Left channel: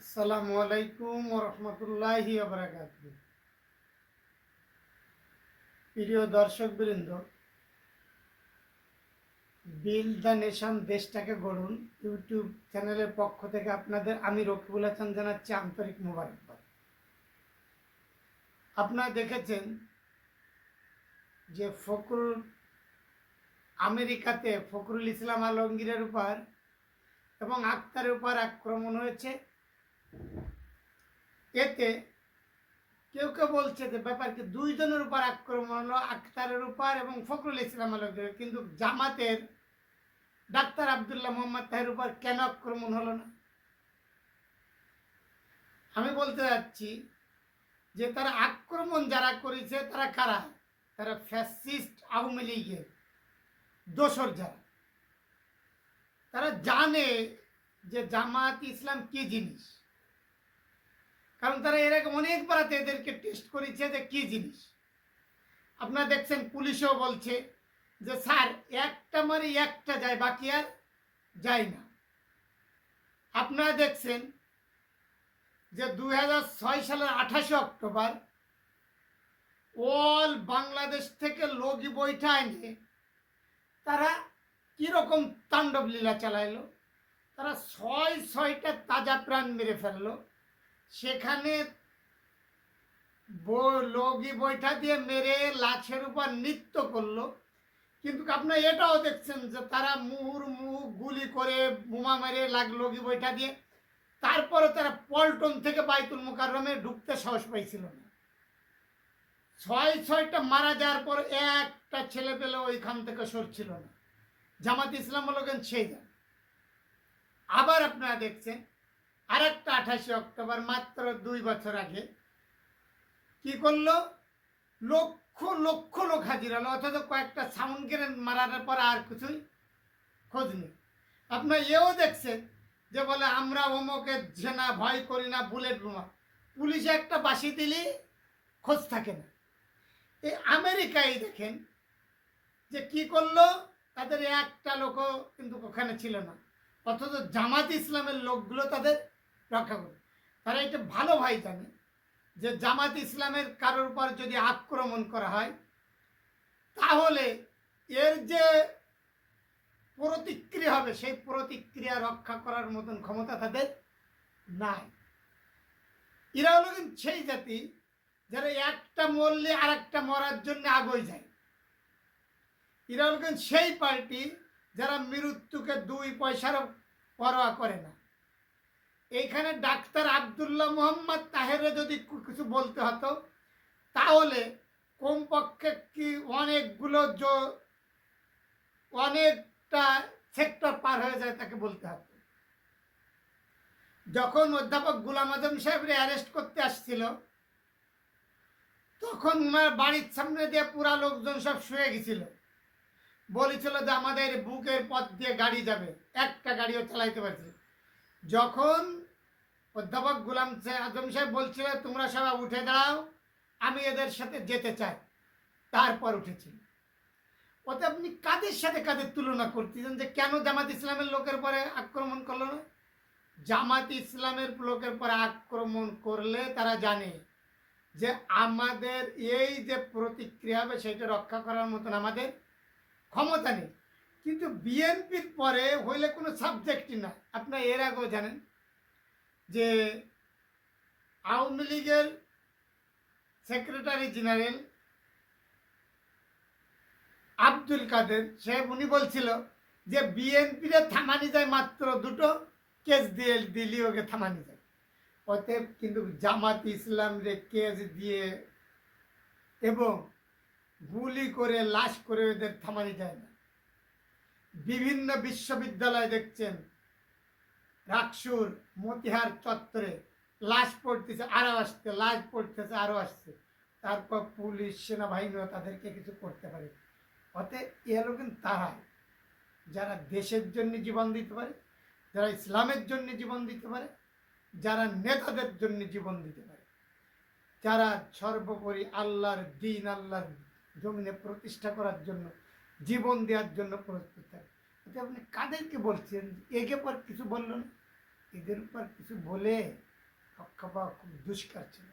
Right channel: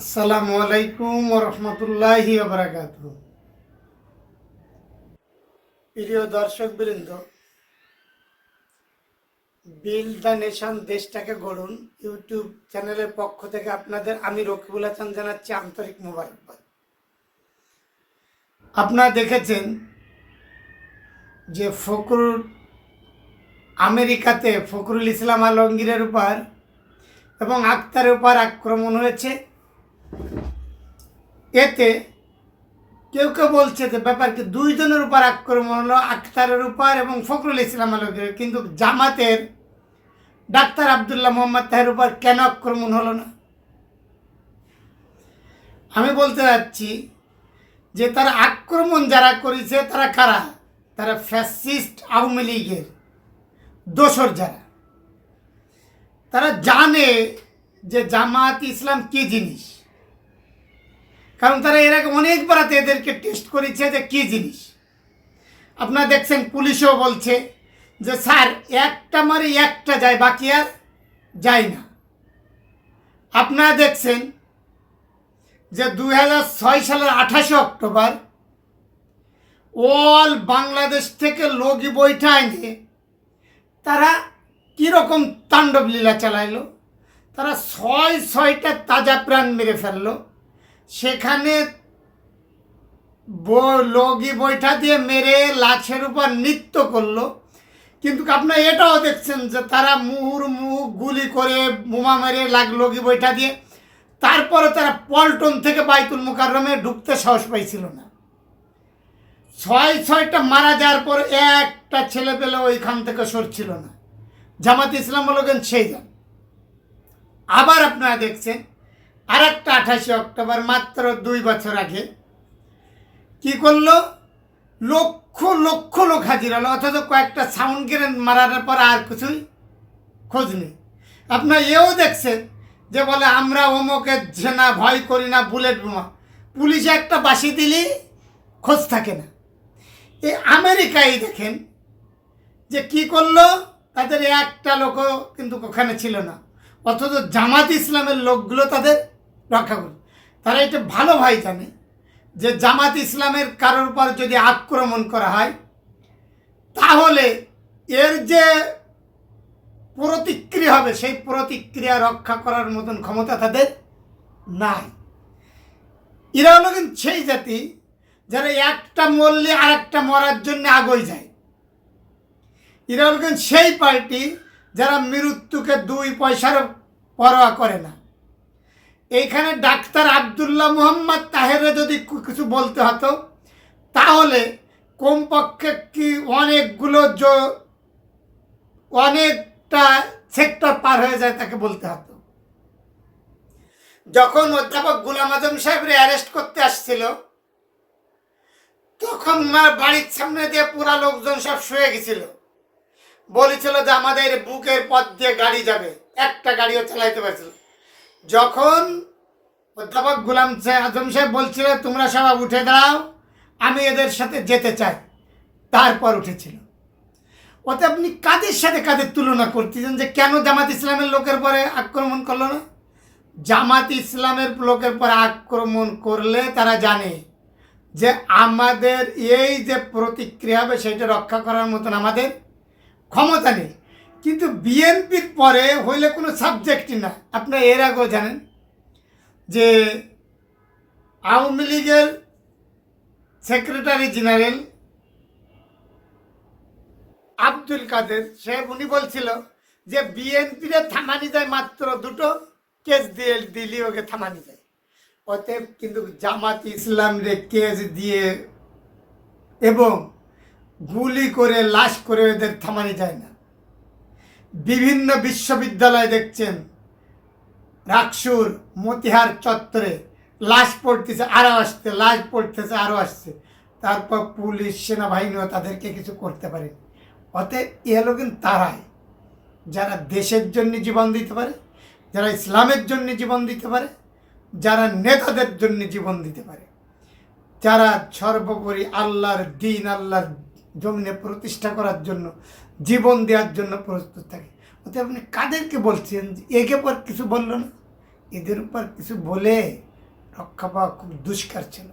আসসালামু আলাইকুম রহমতুল্লাহি বারাকাতু। প্রিয় দর্শক বৃন্দ, বিল্ড দ্য নেশন দেশটাকে গড়ুন ইউটিউব চ্যানেলের পক্ষ থেকে আপনাদের আমি রকিবুল হাসান জানাচ্ছি আন্তরিক মোবারকবাদ। আপনারা দেখেছেন যে আমেরিকাতে ফখরুল ইসলাম আলমগীরের উপর এবং আক্তারের উপর আক্রমণ হয়েছে। এতে কেউ কেউ বলছে যে ব্যাপার কি দুইজনের উপর আক্রমণ হলো, আক্তারের উপর এবং ফখরুল ইসলাম আলমগীরের, কিন্তু জামাতের ডাক্তার আবদুল্লাহ মোহাম্মদ তাহের উপর কেন আক্রমণ হলো না? আমি বলতে যাচ্ছি যে তারা আক্রমণ যারা করেছে তারা কারা? তারা ফ্যাসিস্ট আওয়ামী লীগের দোসর যারা। তারা জানে যে জামাত ইসলাম কী জিনিস, কারণ তারা এর আগে অনেকবার এদেরকে টেস্ট করেছে যে কী জিনিস। আপনারা দেখছেন পুলিশও বলছে যে স্যার একটা মারে একটা যায়, বাকি আর যায় না। আপনারা দেখছেন যে 2006 সালের 28 অক্টোবর অল বাংলাদেশ থেকে লগি বৈঠা এনে তারা কীরকম তাণ্ডব লীলা চালাইলো। তারা ছয়টা তাজা প্রাণ মেরে ফেললো। সেখানে লগি বৈঠা দিয়ে মেরে লাশের উপর নৃত্য করলো। কিন্তু আপনারা এটাও দেখছেন যে তারা মুহুর্মুহু গুলি করে বোমা মেরে লগি বৈঠা দিয়ে তারপরে তারা পল্টন থেকে বাইতুল মুকাররমে ঢুকতে সাহস পাইছিল না। ছয়টা মারা যাওয়ার পর একটা ছেলে পেলে ওইখান থেকে সরছিল না। জামাত ইসলাম বলবেন সেই যান। আবার আপনারা দেখছেন আর একটা 28 অক্টোবর মাত্র 2 বছর আগে কি করলো, লক্ষ লক্ষ লোক হাজির হলো, অথচ কয়েকটা সাউন্ড গ্রেনেড মারার পর আর কিছুই খোঁজ নেই। আপনারা এও দেখছেন যে বলে আমরা অমুকের ঝেনা ভয় করি না, বুলেট বোমা। পুলিশে একটা বাঁশি দিলেই খোঁজ থাকে না। এই আমেরিকায় দেখেন যে কি করলো, তাদের একটা লোকও কিন্তু ওখানে ছিল না, অথচ জামাত ইসলামের লোকগুলো তাদের রক্ষা করল। তারা এটা ভালো ভাই জানে যে জামাত ইসলামের কারোর উপর যদি আক্রমণ করা হয় তাহলে এর যে প্রতিক্রিয়া হবে সেই প্রতিক্রিয়া রক্ষা করার মতন ক্ষমতা তাদের নাই। এরা হলো কিন্তু সেই জাতি যারা একটা মরলে আর একটা মরার জন্য আগুই যায়। এরা হলো কিন্তু সেই পার্টি যারা মৃত্যুকে 2 পয়সার পরোয়া করে না। এইখানে ডাক্তার আবদুল্লাহ মোহাম্মদ তাহেরে যদি কিছু বলতে হতো তাহলে কমপক্ষে কি অনেকটা সেক্টর পার হয়ে যায় তাকে বলতে হতো। যখন অধ্যাপক গোলাম আজম সাহেবরে অ্যারেস্ট করতে আসছিল তখন ওনার বাড়ির সামনে দিয়ে পুরা লোকজন সব শুয়ে গেছিল, বলেছিল যে আমাদের বুকের পথ দিয়ে গাড়ি যাবে, একটা গাড়িও চালাইতে পারছিল। যখন অধ্যাপক গোলাম আজম সাহেব বলছিল তোমরা সবাই উঠে দাঁড়াও, আমি এদের সাথে যেতে চাই, তারপর উঠেছিল। ওতে আপনি কাদের সাথে কাদের তুলনা করতেছেন যে কেন জামাত ইসলামের লোকের পরে আক্রমণ করলো না? জামাত ইসলামের লোকের পরে আক্রমণ করলে তারা জানে যে আমাদের এই যে প্রতিক্রিয়া হবে সেটা রক্ষা করার মতন আমাদের ক্ষমতা নেই। কিন্তু বিএনপির পরে হইলে কোনো সাবজেক্টই না। আপনারা এর আগেও জানেন যে আওয়ামী লীগের সেক্রেটারি জেনারেল আব্দুল কাদের সাহেব উনি বলছিল যে বিএনপিরে থামানি যায় মাত্র 2টো কেস দিয়ে দিলি ওকে থামানি যায়। অতএব কিন্তু জামাত ইসলামরে কেস দিয়ে এবং গুলি করে লাশ করে ওদের থামানি যায় না। বিভিন্ন বিশ্ববিদ্যালয় দেখছেন রাকসুর মতিহার চত্বরে লাশ পড়তেছে আরও আসছে, লাশ পড়তেছে আরও আসছে, তারপর পুলিশ সেনাবাহিনীও তাদেরকে কিছু করতে পারে। অতএব এ হলো কিন্তু তারাই যারা দেশের জন্য জীবন দিতে পারে, যারা ইসলামের জন্য জীবন দিতে পারে, যারা নেতাদের জন্য জীবন দিতে পারে, যারা সর্বোপরি আল্লাহর দিন আল্লাহর জমিনে প্রতিষ্ঠা করার জন্য জীবন দেওয়ার জন্য প্রস্তুত থাকে। অতএব আপনি কাদেরকে বলছেন একে পর কিছু বললো না? এদের উপর কিছু বলে রক্ষা পাওয়া খুব দুষ্কার ছিল।